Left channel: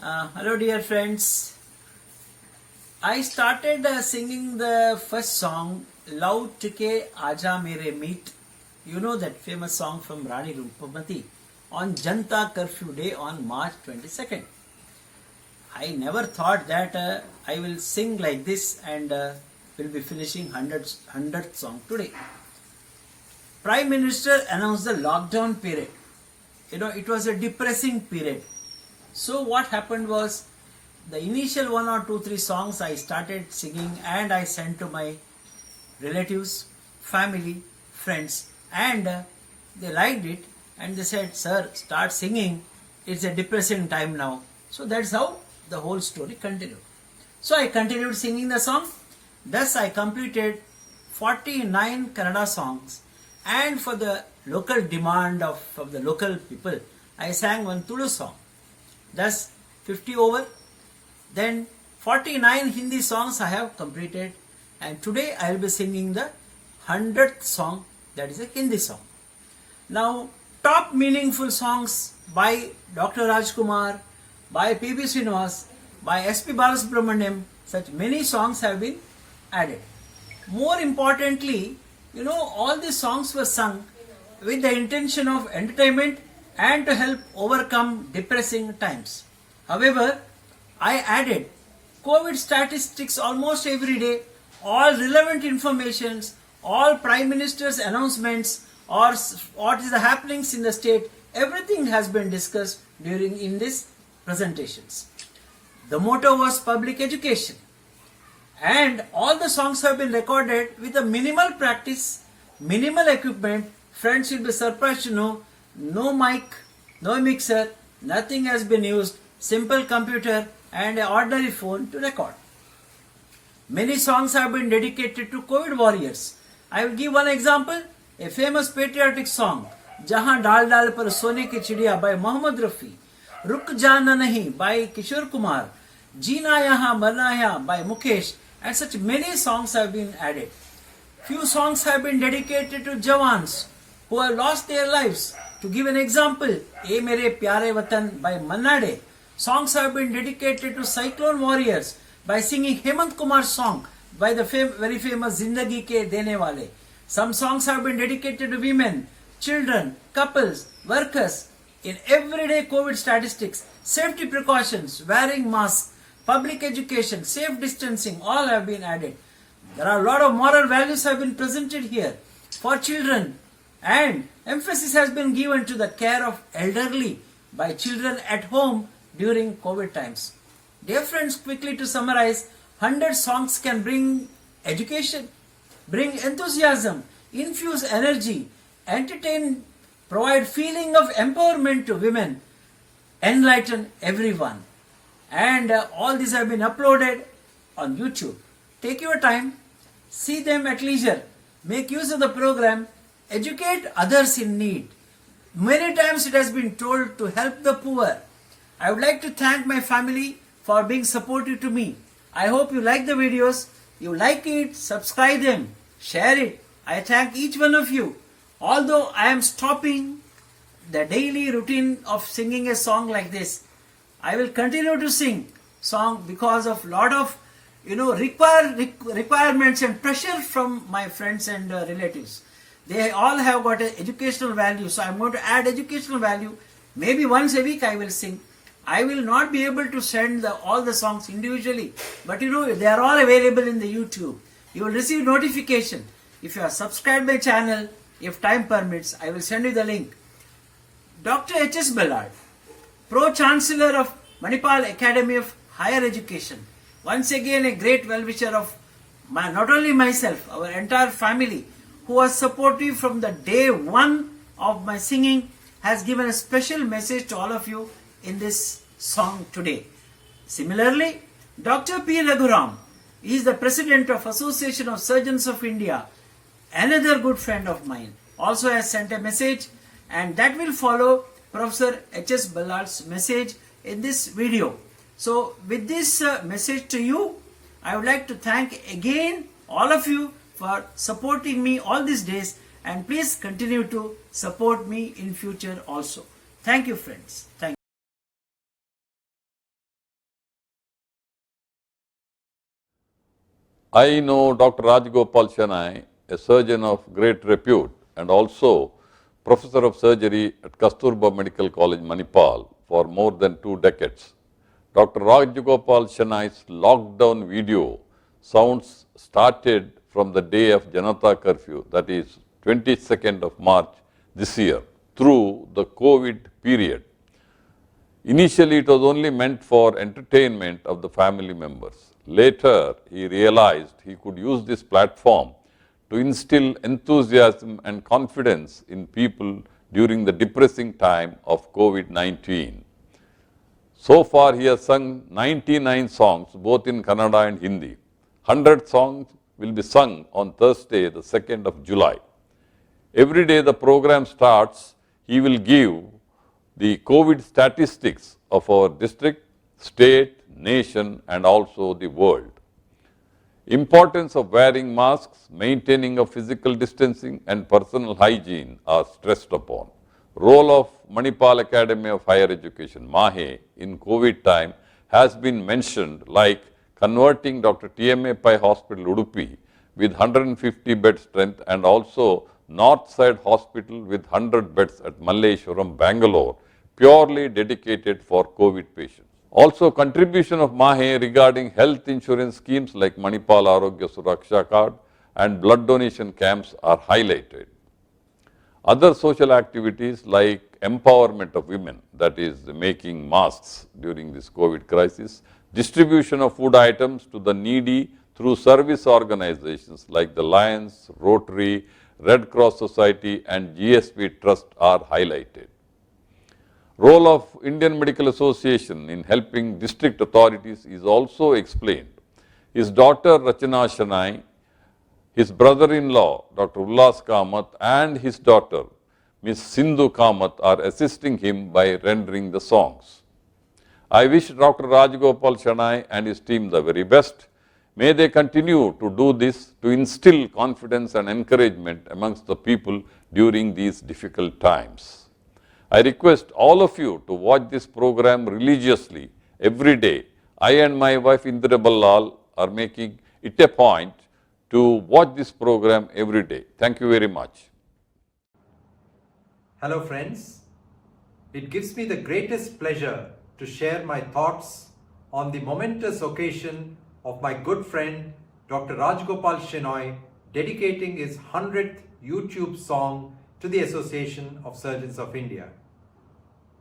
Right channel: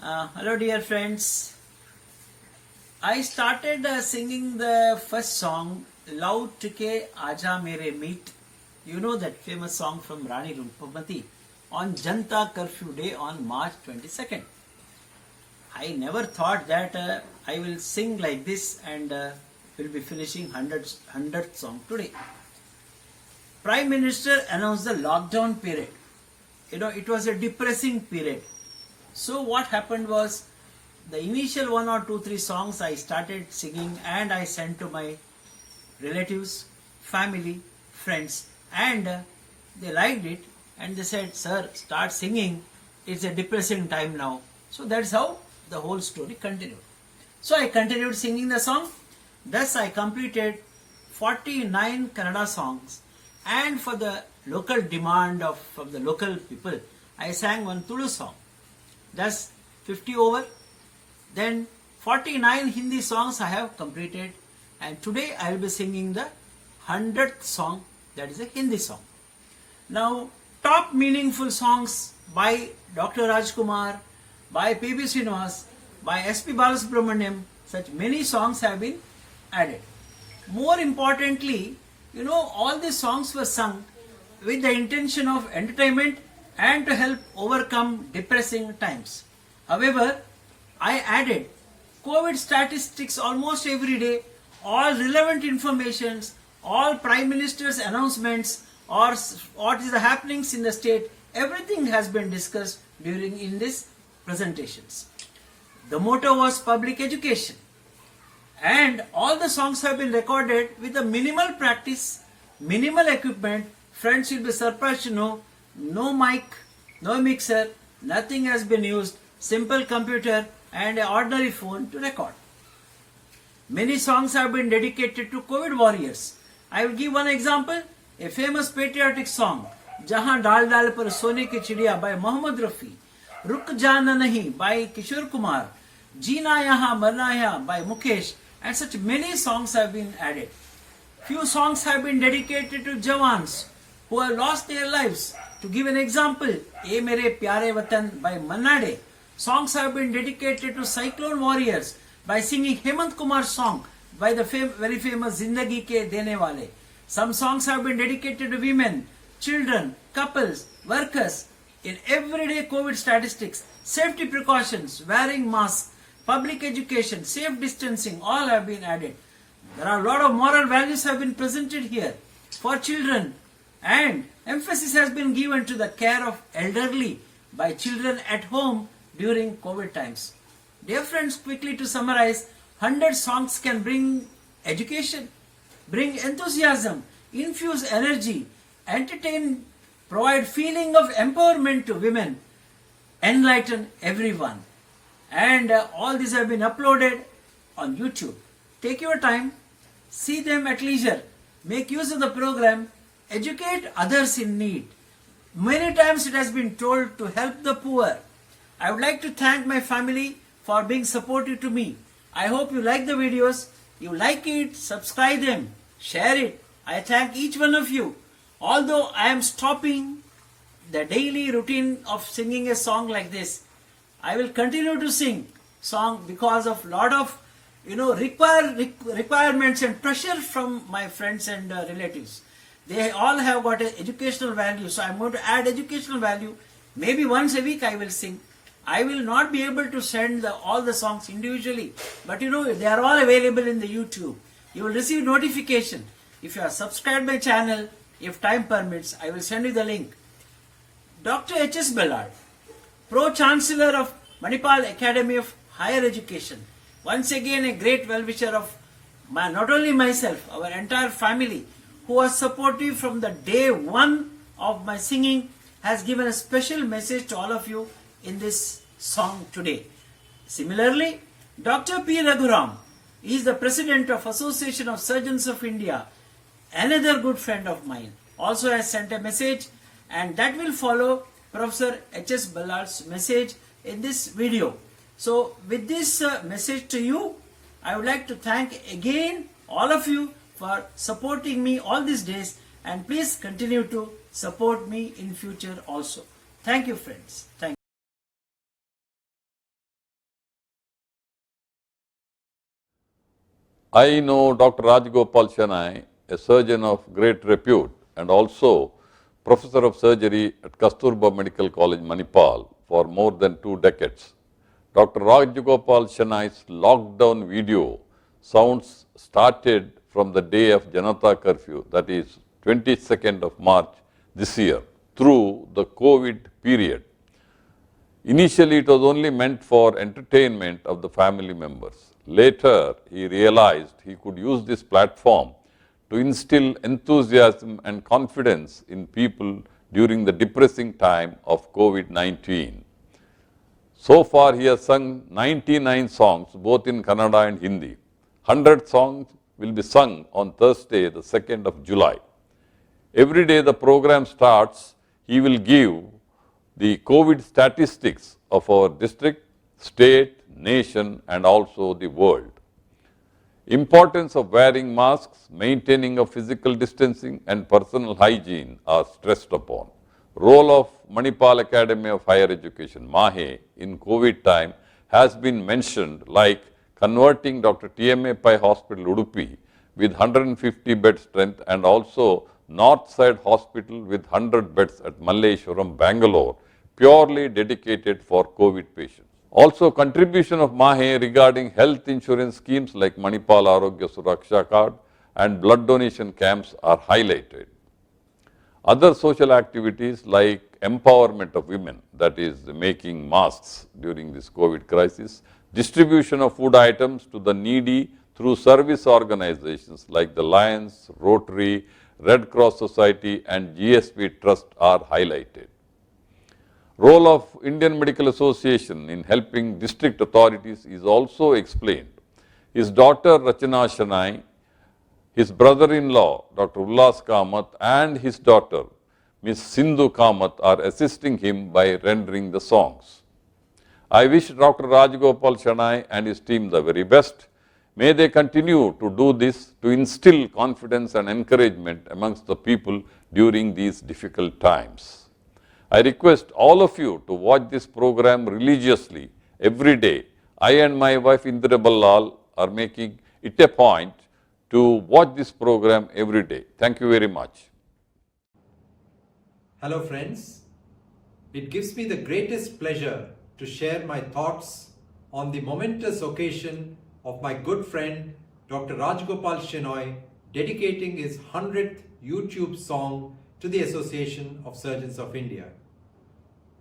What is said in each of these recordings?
Hello, dear friends. I started singing the first song, Love Tike Aja Mere Meet. You know that famous song from Rani Rumpamati on Janta Curfew Day on March 22nd. I never thought that I will sing like this and will be finishing 100th song today. Prime Minister announced the lockdown period. It was a depressing period. So what happened was, the initial 1 or 2, 3 songs I started singing and I sent to my relatives, family, friends, and they liked it and they said, "Sir, start singing. It's a depressing time now." So that's how the whole story continued. So I continued singing the song. Thus I completed 49 Kannada songs, and for the local demand from the local people, I sang one Tulu song. Thus 50 over. Then 49 Hindi songs I have completed, and today I will be singing the 100th song, that is a Hindi song. Now, top meaningful songs by Dr. Rajkumar, by P.B. Srinivas, by S.P. Balasubramaniam, such many songs have been added. More importantly, all these songs were sung with the intention of entertainment and to help overcome depressing times. However, I added COVID statistics almost every day, all relevant informations, all Prime Minister's announcements, or what is the happenings in the state, everything has been discussed in these presentations. The motto was public education, and all the songs have been recorded with a minimal practice, minimal equipment. Friends will be surprised to know, no mic, no mixer, nothing has been used, simple computer and an ordinary phone to record. Many songs have been dedicated to COVID warriors. I will give one example, a famous patriotic song, Jahan Dal Dal Par Sone Ki Chidiya by Mohammad Rafi, Ruk Jana Nahi by Kishore Kumar, Jeena Yahan Marna Yahan by Mukesh, and such many songs have been added. Few songs have been dedicated to Jawans who have lost their lives. To give an example, "Ye Mere Pyare Watan" by Manna Dey. Songs have been dedicated to cyclone warriors by singing Hemant Kumar's song by the very famous Zindagi Ke Dene Wale. Some songs have been dedicated to women, children, couples, workers. In everyday COVID statistics, safety precautions, wearing masks, public education, safe distancing, all have been added. There are a lot of moral values have been presented here for children, and emphasis has been given to the care of elderly by children at home during COVID times. Dear friends, quickly to summarize, 100 songs can bring education, bring enthusiasm, infuse energy, entertain, provide feeling of empowerment to women, enlighten everyone. And all these have been uploaded on YouTube. Take your time, see them at leisure, make use of the program, educate others in need. Many times it has been told to help the poor. I would like to thank my family for being supportive to me. I hope you like the videos. You like it, subscribe them, share it. I thank each one of you. Although I am stopping the daily routine of singing a song like this, I will continue to sing song because of lot of requirements and pressure from my friends and relatives. They all have got an educational value, so I am going to add educational value. Maybe once a week I will sing. I will not be able to send all the songs individually, but they are all available in the YouTube. You will receive notification. If you are subscribed my channel, if time permits, I will send you the link. Dr. H.S. Ballard, Pro-Chancellor of Manipal Academy of Higher Education, once again a great well-wisher of not only myself, our entire family, who was supportive from the day one of my singing, has given a special message to all of you in this song today. Similarly, Dr. P. Raghuram is the President of Association of Surgeons of India, another good friend of mine, also has sent a message, and that will follow Professor H.S. Ballard's message in this video. So with this message to you, I would like to thank again all of you for supporting me all these days, and please continue to support me in future also. Thank you, friends. Thank you. I know Dr. Rajgopal Shanai, a surgeon of great repute and also professor of surgery at Kasturba Medical College, Manipal, for more than 2 decades. Dr. Rajgopal Shanai's lockdown video sounds started from the day of Janata curfew, that is 22nd of March this year, through the COVID period. Initially, it was only meant for entertainment of the family members. Later, he realized he could use this platform to instill enthusiasm and confidence in people during the depressing time of COVID-19. So far, he has sung 99 songs, both in Kannada and Hindi. 100 songs will be sung on Thursday, the 2nd of July. Every day the program starts, he will give the COVID statistics of our district, state, nation and also the world. Importance of wearing masks, maintaining of physical distancing and personal hygiene are stressed upon. Role of Manipal Academy of Higher Education, MAHE, in COVID time has been mentioned, like converting Dr. TMA Pai Hospital, Udupi with 150 bed strength and also Northside Hospital with 100 beds at Malleshwaram, Bangalore, purely dedicated for COVID patients. Also, contribution of MAHE regarding health insurance schemes like Manipal Arogya Suraksha Card and blood donation camps are highlighted. Other social activities like empowerment of women, that is making masks during this COVID crisis, distribution of food items to the needy through service organizations like the Lions, Rotary, Red Cross Society and GSP Trust are highlighted. Role of Indian Medical Association in helping district authorities is also explained. His daughter Rachana Shanai, his brother-in-law Dr. Ullas Kamath and his daughter Ms. Sindhu Kamath are assisting him by rendering the songs. I wish Dr. Rajgopal Shanai and his team the very best. May they continue to do this to instill confidence and encouragement amongst the people during these difficult times. I request all of you to watch this program religiously every day. I and my wife Indira Ballal are making it a point to watch this program every day. Thank you very much. Hello friends, it gives me the greatest pleasure to share my thoughts on the momentous occasion of my good friend Dr. Rajgopal Shenoy dedicating his 100th YouTube song to the Association of Surgeons of India.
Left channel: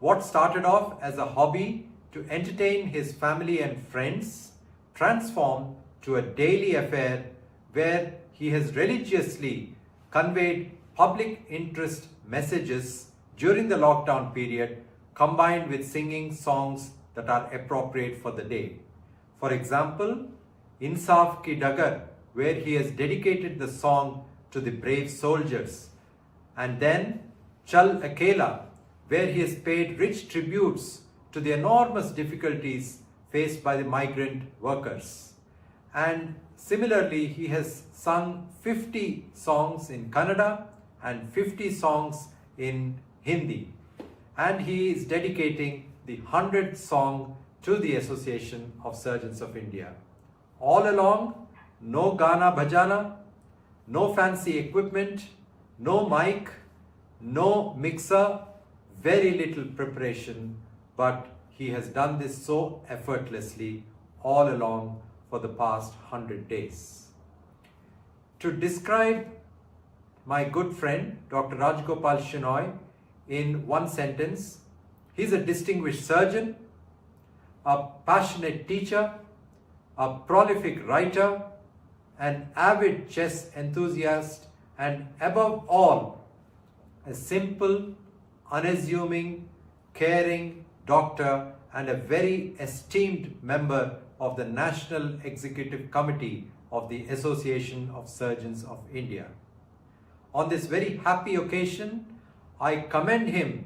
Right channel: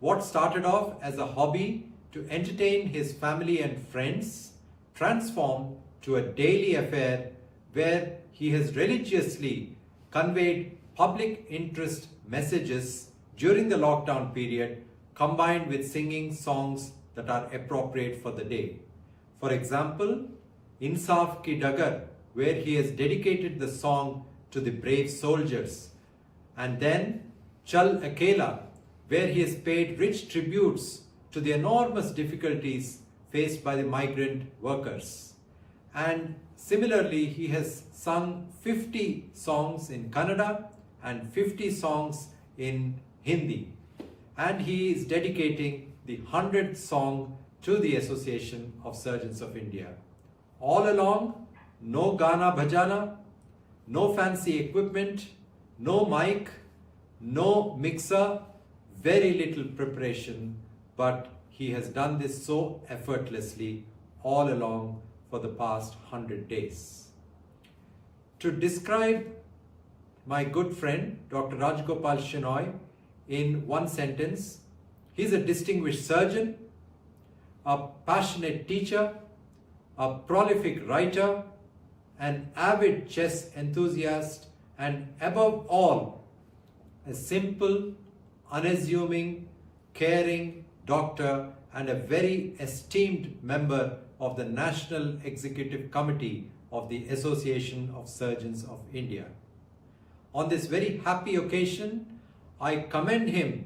What started off as a hobby to entertain his family and friends transformed to a daily affair where he has religiously conveyed public interest messages during the lockdown period combined with singing songs that are appropriate for the day. For example, Insaf Ki Dagar, where he has dedicated the song to the brave soldiers, and then Chal Akela, where he has paid rich tributes to the enormous difficulties faced by the migrant workers. And similarly, he has sung 50 songs in Kannada and 50 songs in Hindi. And he is dedicating the 100th song to the Association of Surgeons of India. All along, no Gana Bhajana, no fancy equipment, no mic, no mixer, very little preparation, but he has done this so effortlessly all along for the past 100 days. To describe my good friend, Dr. Rajgopal Shenoy, in one sentence, he's a distinguished surgeon, a passionate teacher, a prolific writer, an avid chess enthusiast, and above all, a simple, unassuming, caring doctor and a very esteemed member of the National Executive Committee of the Association of Surgeons of India. On this very happy occasion, I commend him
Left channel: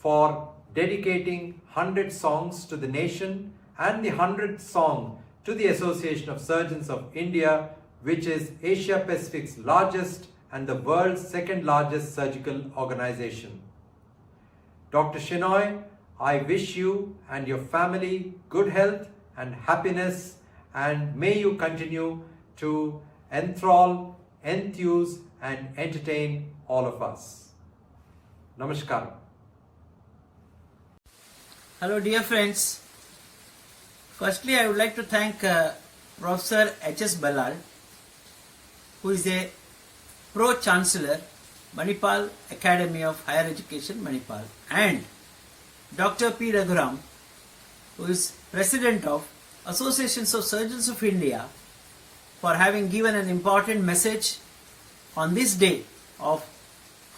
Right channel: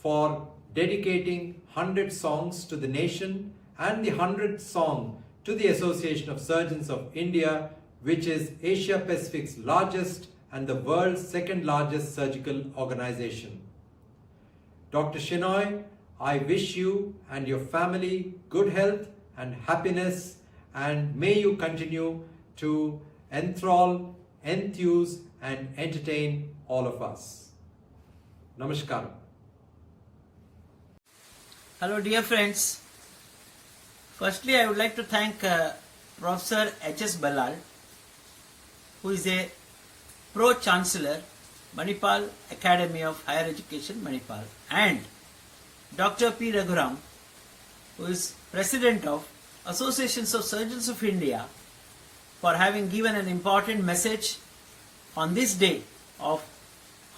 for dedicating 100 songs to the nation and the 100th song to the Association of Surgeons of India, which is Asia Pacific's largest and the world's second largest surgical organization. Dr. Shenoy, I wish you and your family good health and happiness, and may you continue to enthrall, enthuse, and entertain all of us. Namaskaram. Hello, dear friends. Firstly, I would like to thank Professor H.S. Ballal, who is a Pro-Chancellor, Manipal Academy of Higher Education, Manipal, and Dr. P. Raghuram, who is President of Associations of Surgeons of India, for having given an important message on this day of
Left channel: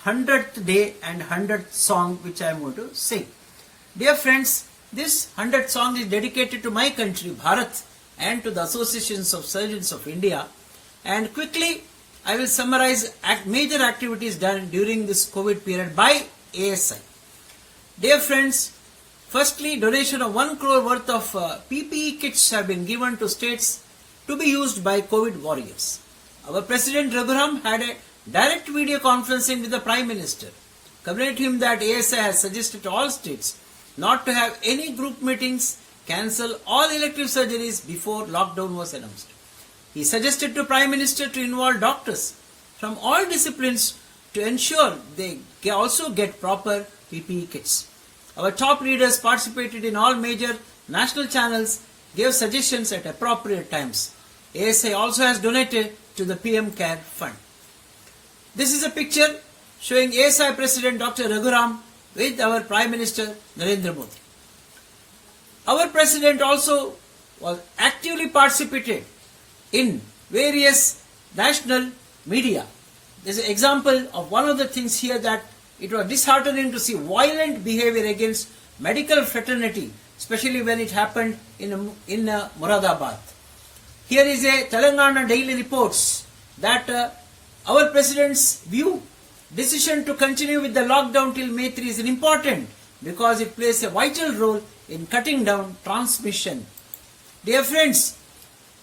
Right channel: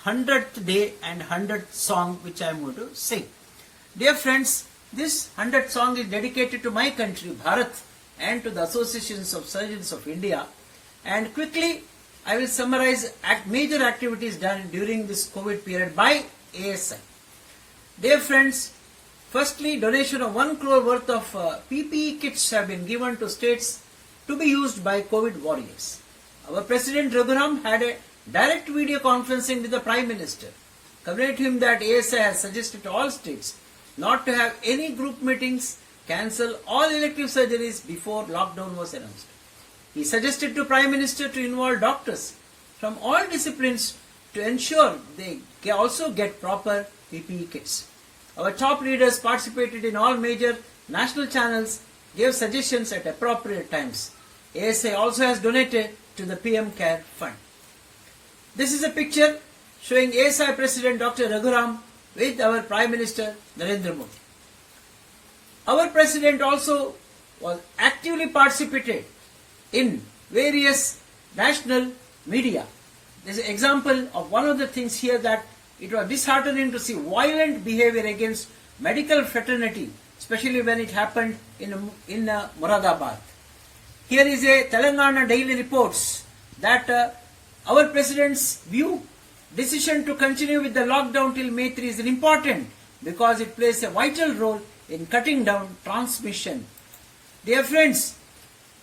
100th day and 100th song which I am going to sing. Dear friends, this 100th song is dedicated to my country, Bharat, and to the Associations of Surgeons of India. And quickly, I will summarize major activities done during this COVID period by ASI. Dear friends, firstly, donation of 1 crore worth of PPE kits have been given to states to be used by COVID warriors. Our President Raghuram had a direct video conferencing with the Prime Minister, communicating him that ASI has suggested to all states not to have any group meetings, cancel all elective surgeries before lockdown was announced. He suggested to Prime Minister to involve doctors from all disciplines to ensure they also get proper PPE kits. Our top leaders participated in all major national channels, gave suggestions at appropriate times. ASI also has donated to the PM Care Fund. This is a picture showing ASI President Dr. Raghuram with our Prime Minister Narendra Modi. Our President also was actively participated in various national media. There is an example of one of the things here that it was disheartening to see violent behavior against medical fraternity, especially when it happened in Moradabad. Here is a Telangana Daily Reports that our President's view, decision to continue with the lockdown till May 3 is important because it plays a vital role in cutting down transmission. Dear friends,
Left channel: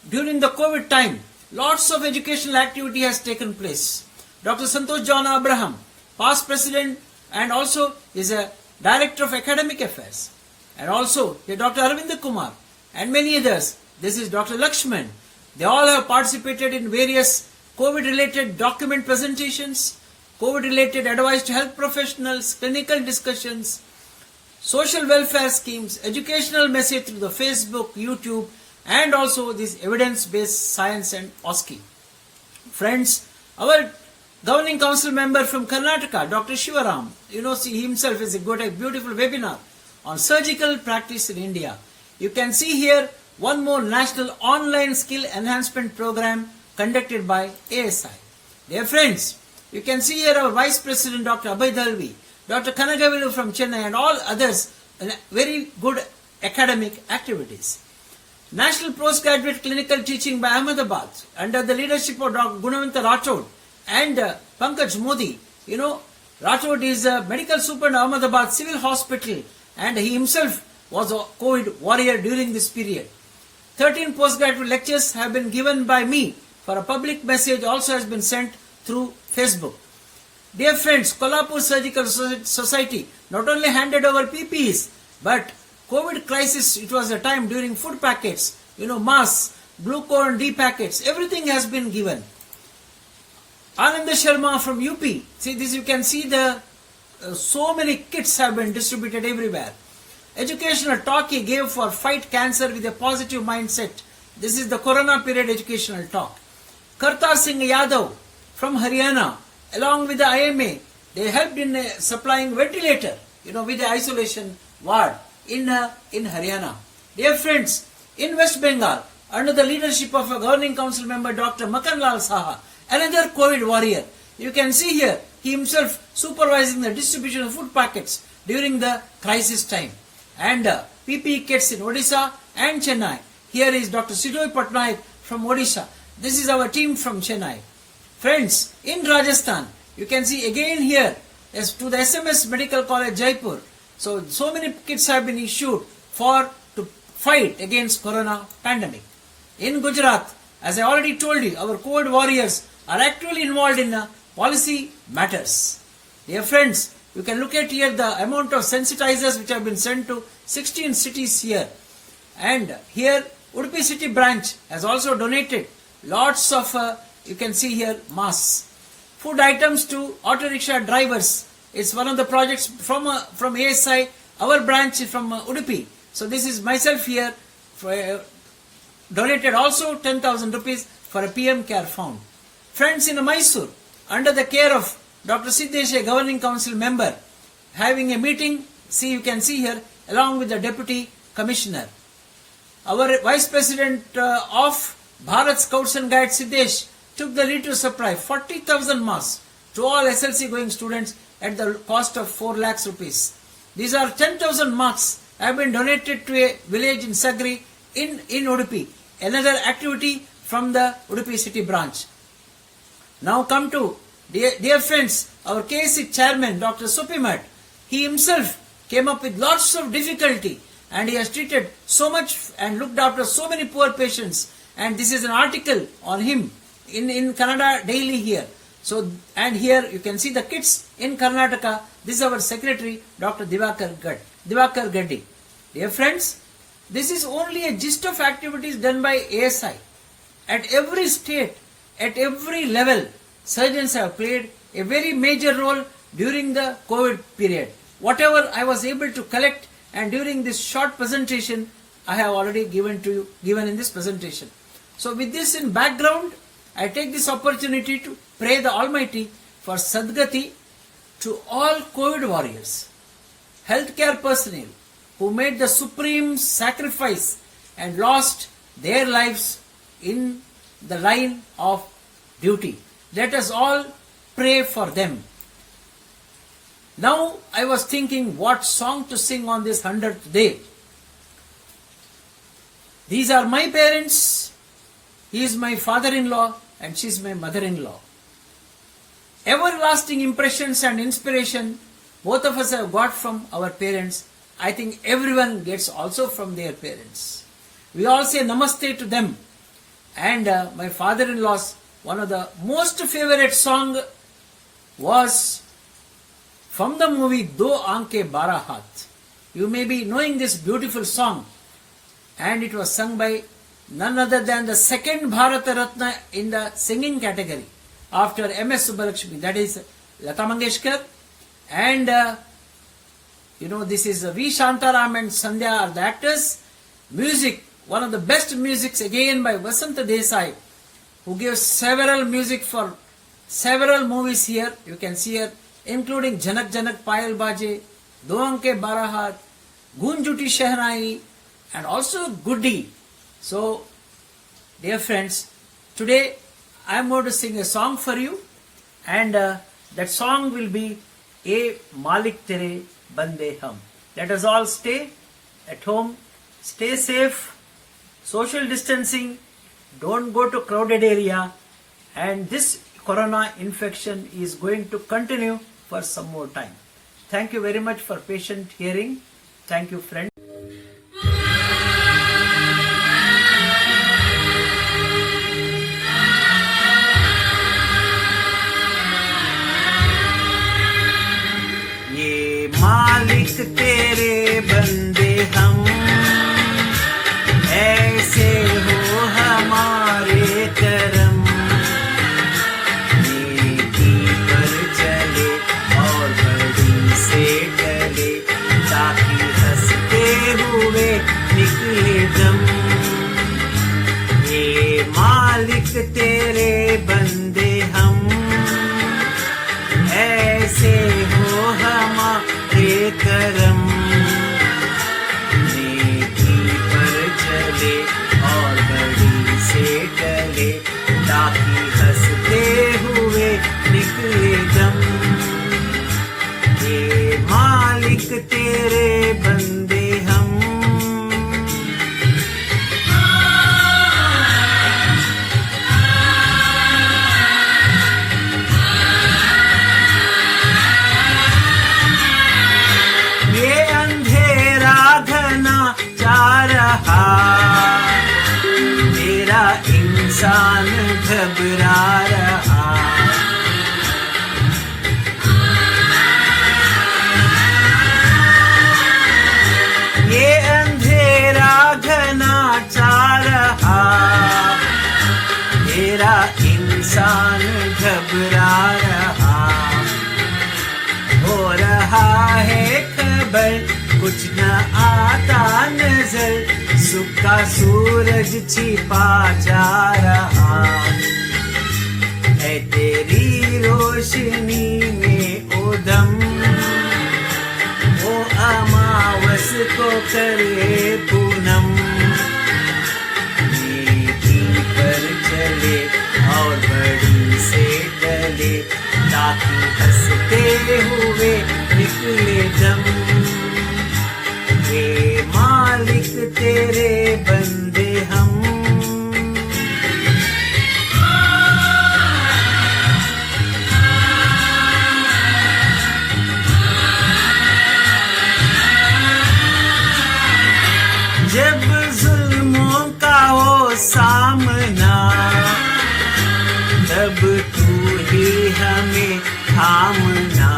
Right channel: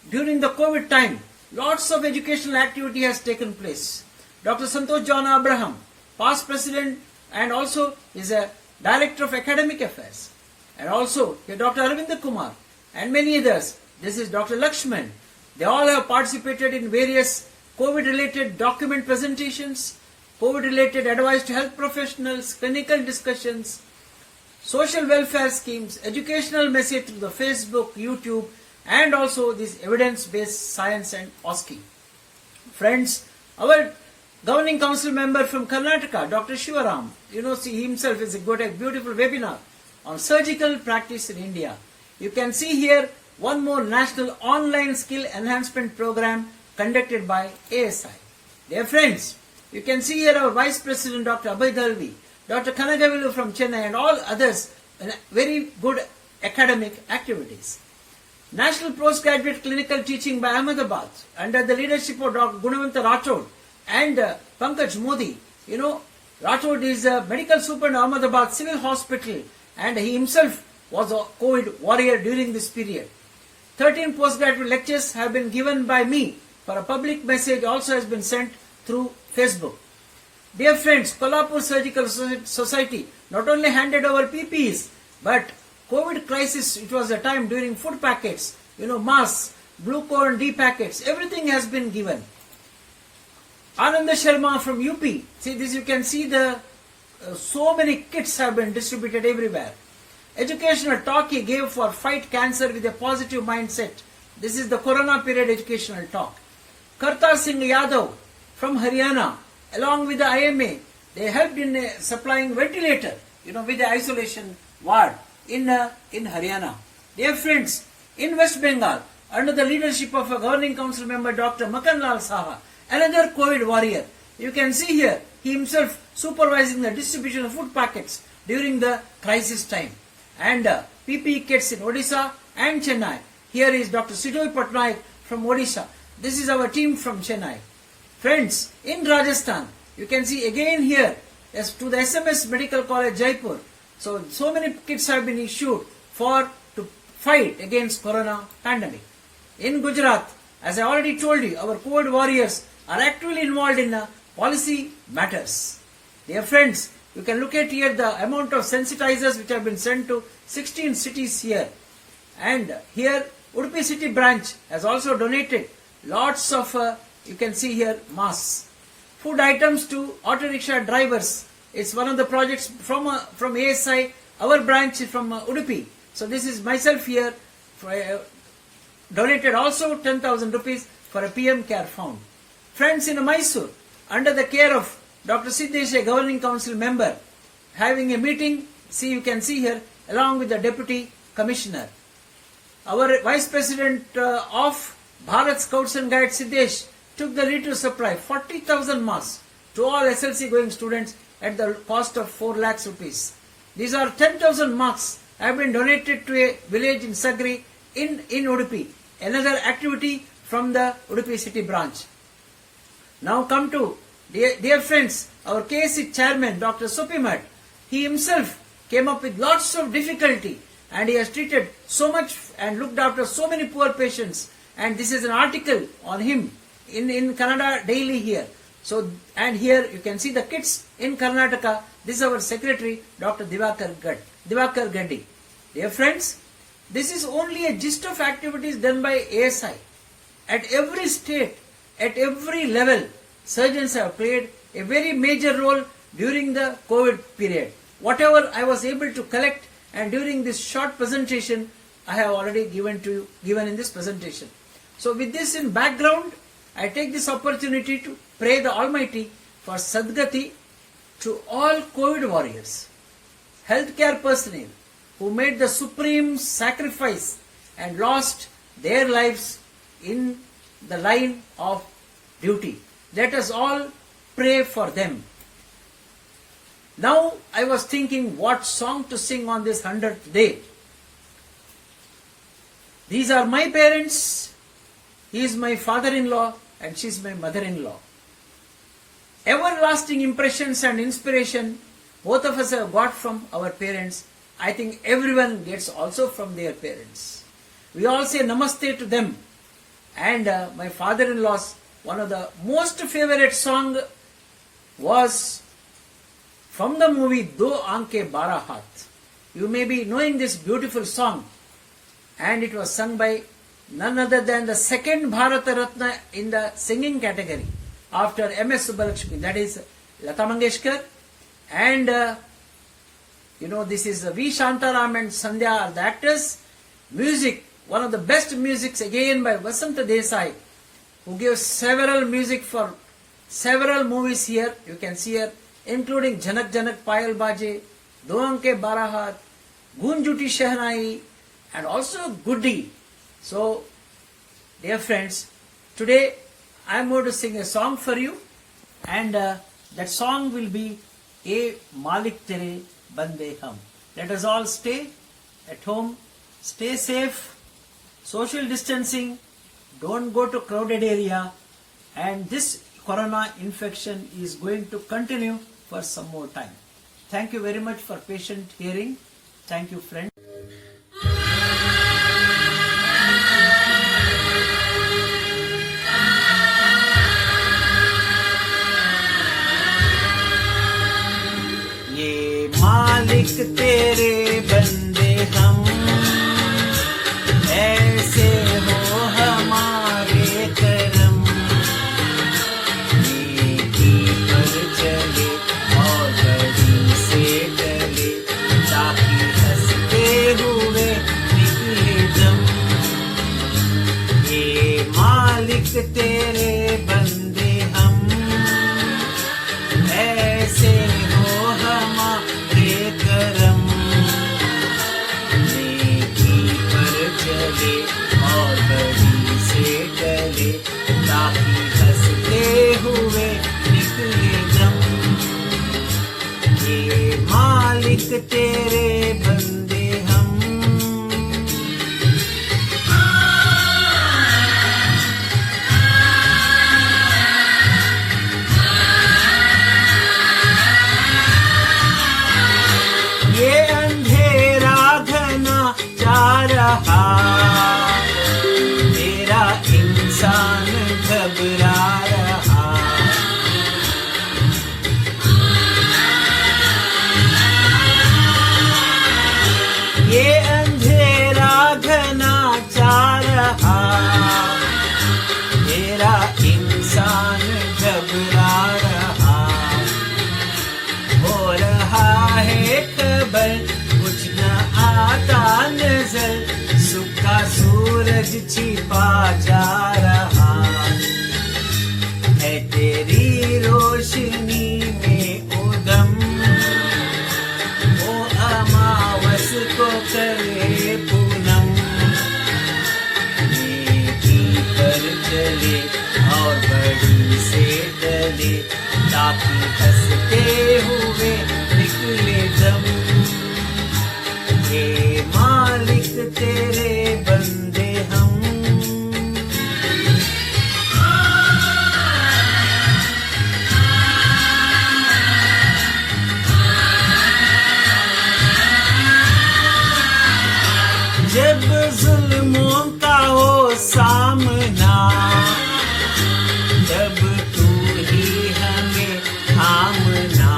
during the COVID time, lots of educational activity has taken place. Dr. Santosh John Abraham, past president, and also is a director of academic affairs, and also Dr. Arvind Kumar and many others. This is Dr. Lakshman. They all have participated in various COVID-related document presentations, COVID-related advice to health professionals, clinical discussions, social welfare schemes, educational message through the Facebook, YouTube, and also this evidence-based science and OSCE. Friends, our Governing Council member from Karnataka, Dr. Shivaram, he himself is got a beautiful webinar on surgical practice in India. You can see here one more national online skill enhancement program conducted by ASI. Dear friends, you can see here our Vice President Dr. Abhay Dalvi, Dr. Kanagavilu from Chennai, and all others very good academic activities. National Postgraduate Clinical Teaching by Ahmedabad under the leadership of Dr. Gunawanta Rathod and Pankaj Modi. Rathod is a medical super in Ahmedabad Civil Hospital, and he himself was a COVID warrior during this period. 13 postgraduate lectures have been given by me, for a public message also has been sent through Facebook. Dear friends, Kolhapur Surgical Society not only handed over PPEs, but COVID crisis, it was a time during food packets, masks, blue corn D packets, everything has been given. Ananda Sharma from UP, see this, you can see the so many kits have been distributed everywhere. Educational talk he gave for fight cancer with a positive mindset. This is the Corona period educational talk. Kartar Singh Yadav from Haryana, along with the IMA, they helped in supplying ventilator, with the isolation ward in Haryana. Dear friends, in West Bengal, under the leadership of a Governing Council member, Dr. Makan Lal Saha, another COVID warrior, you can see here, he himself supervising the distribution of food packets during the crisis time. And PPE kits in Odisha and Chennai. Here is Dr. Sidoy Patnaik from Odisha. This is our team from Chennai. Friends, in Rajasthan, you can see again here, as to the SMS Medical College Jaipur. So many kits have been issued to fight against Corona pandemic. In Gujarat, as I already told you, our COVID warriors are actively involved in policy matters. Dear friends, you can look at here the amount of sensitizers which have been sent to 16 cities here. And here Udupi city branch has also donated lots of, you can see here, masks. Food items to auto rickshaw drivers. It's one of the projects from ASI, our branch from Udupi. So this is myself here, donated also 10,000 rupees for a PM Care Fund. Friends in Mysore, under the care of Dr. Siddesh, a governing council member, having a meeting, see you can see here, along with the deputy commissioner. Our vice president of Bharat Scouts and Guides, Siddesh, took the lead to supply 40,000 masks to all SLC going students at the cost of 4 lakhs rupees. These are 10,000 masks have been donated to a village in Sagri in Udupi. Another activity from the Udupi city branch. Now come to, dear friends, our KSC chairman, Dr. Supimat. He himself came up with lots of difficulty and he has treated so much and looked after so many poor patients. And this is an article on him in Kannada Daily here. So, and here you can see the kids in Karnataka. This is our secretary, Dr. Divakar Gaddi. Dear friends, this is only a gist of activities done by ASI. At every state, at every level, surgeons have played a very major role during the COVID period. Whatever I was able to collect, and during this short presentation, I have already given in this presentation. So with this in background, I take this opportunity to pray the Almighty for Sadgati to all COVID warriors, healthcare personnel who made the supreme sacrifice and lost their lives in the line of duty. Let us all pray for them. Now I was thinking what song to sing on this 100th day. These are my parents. He is my father-in-law and she is my mother-in-law. Everlasting impressions and inspiration both of us have got from our parents. I think everyone gets also from their parents. We all say namaste to them. And my father-in-law's one of the most favorite song was from the movie Do Aanke Bara Haath. You may be knowing this beautiful song, and it was sung by none other than the second Bharata Ratna in the singing category after M.S. Subbalakshmi, that is Lata Mangeshkar, and this is V. Shantaram and Sandhya are the actors. Music, one of the best musics again by Vasanta Desai, who gave several music for several movies here. You can see here, including Janak Janak Payal Baje, Do Aanke Bara Haath, Gun Juti Shehnai, and also Goody. So, dear friends, today I am going to sing a song for you, and that song will be A Malik Tere Bande Hum. Let us all stay at home, stay safe, social distancing, don't go to crowded area, and this corona infection is going to continue for some more time. Thank you very much for patient hearing. Thank you, friends. ये मालिक तेरे बंदे हम, ऐसे हो हमारे करम, नेकी पर चले और बड़ी से टले, ताकि हंसते हुए निकले दम। ये मालिक तेरे बंदे हम, ऐसे हो हमारे करम, नेकी पर चले और बड़ी से टले, ताकि हंसते हुए निकले दम। ये मालिक तेरे बंदे हम। ये अंधेरा घना जा रहा, तेरा इंसान घबरा रहा। ये अंधेरा घना जा रहा, इंसान घबरा रहा, हो रहा है खबर कुछ न आता नजर, सुख का सूरज छिपा जा रहा है तेरी रोशनी में उदम, वो अमावस को करे पूनम, नेकी पर चले और बड़ी से डले, ताकि हंसते हुए निकले दम। हे मालिक तेरे बंदे हम, जब जुल्मों का हो सामना, तब तू ही हमें थामना।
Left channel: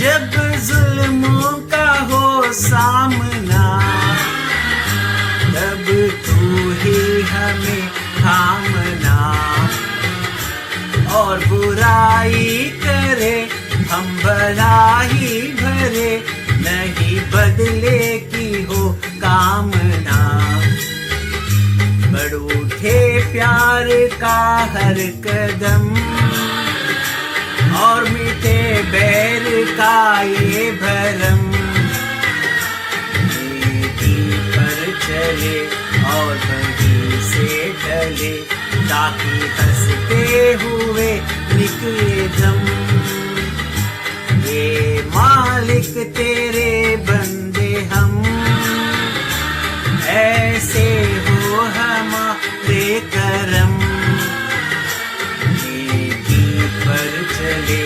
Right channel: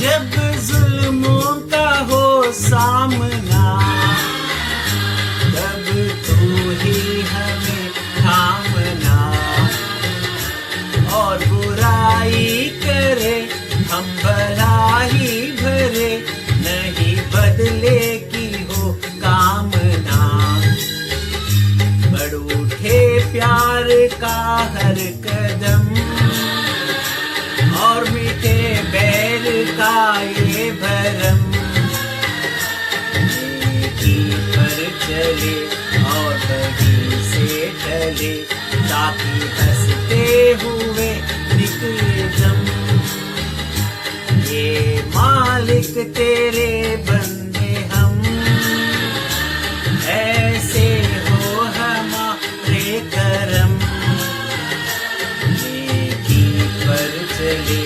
जब जुल्मों का हो सामना, तब तू ही हमें थामना, और बुराई करे हम भलाई भरे, नहीं बदले की हो कामना। बढ़ उठे प्यार का हर कदम, और मिटे बैर का ये भरम, नेकी पर चले और बड़ी से ढले, ताकि हंसते हुए निकले दम। ये मालिक तेरे बंदे हम, ऐसे हो हमारे करम, नेकी पर चले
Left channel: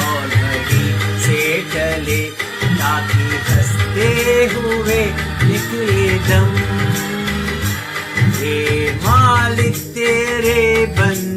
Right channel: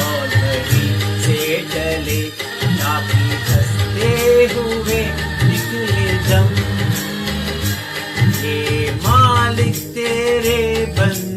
और बड़ी से डले, ताकि हंसते हुए निकले दम। ये मालिक तेरे बंदे